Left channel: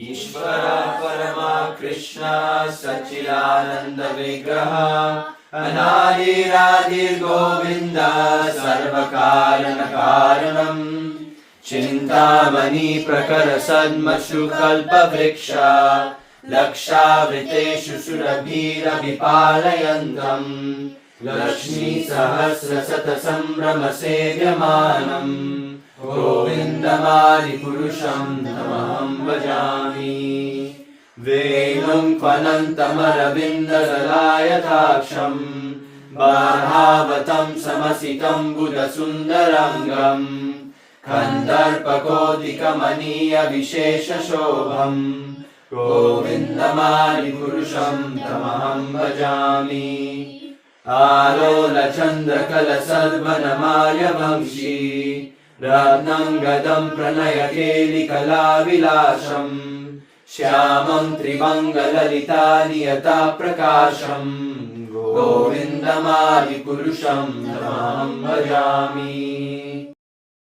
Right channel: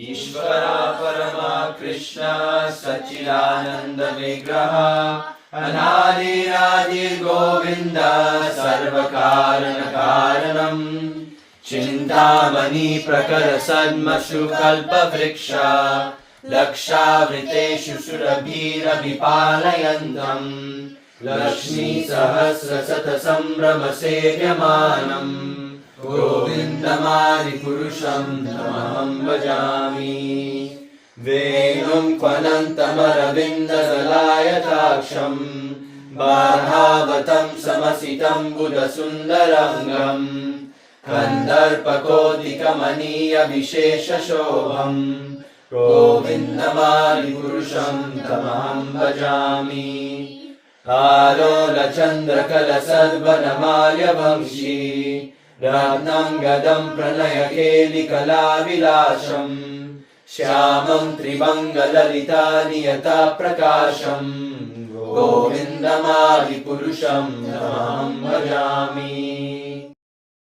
ईश्वर परमा कृष्ण सच्चिदानंद विग्रह अनादिरादिर्गोविन्द सर्वकारण कारणम् चिन्तामणि प्रकर सन्मशु कल्पवृक्ष लक्षावृतेषु सुरभिरभिपालयन्तम् लक्ष्मी सहस्र शतसंभ्रम सेव्यमानम् गोविन्दमादिपुरुषं तमहं भजामि वेणुं क्वनन्तमरविन्ददलायताक्षं बाधावतं समसितं बुधसुन्दरङ्गम् कन्दर्पकोटिकमनीयविशेषशोभम् गोविन्दमादिपुरुषं तमहं भजामि आलोलचन्द्रकलसद्वनमाल्यवंशी रत्नाङ्गदं प्रणयकेलिकलाविलासम् श्यामं त्रिभङ्गललितानियताप्रकाशम् गोविन्दमादिपुरुषं तमहं भजामि।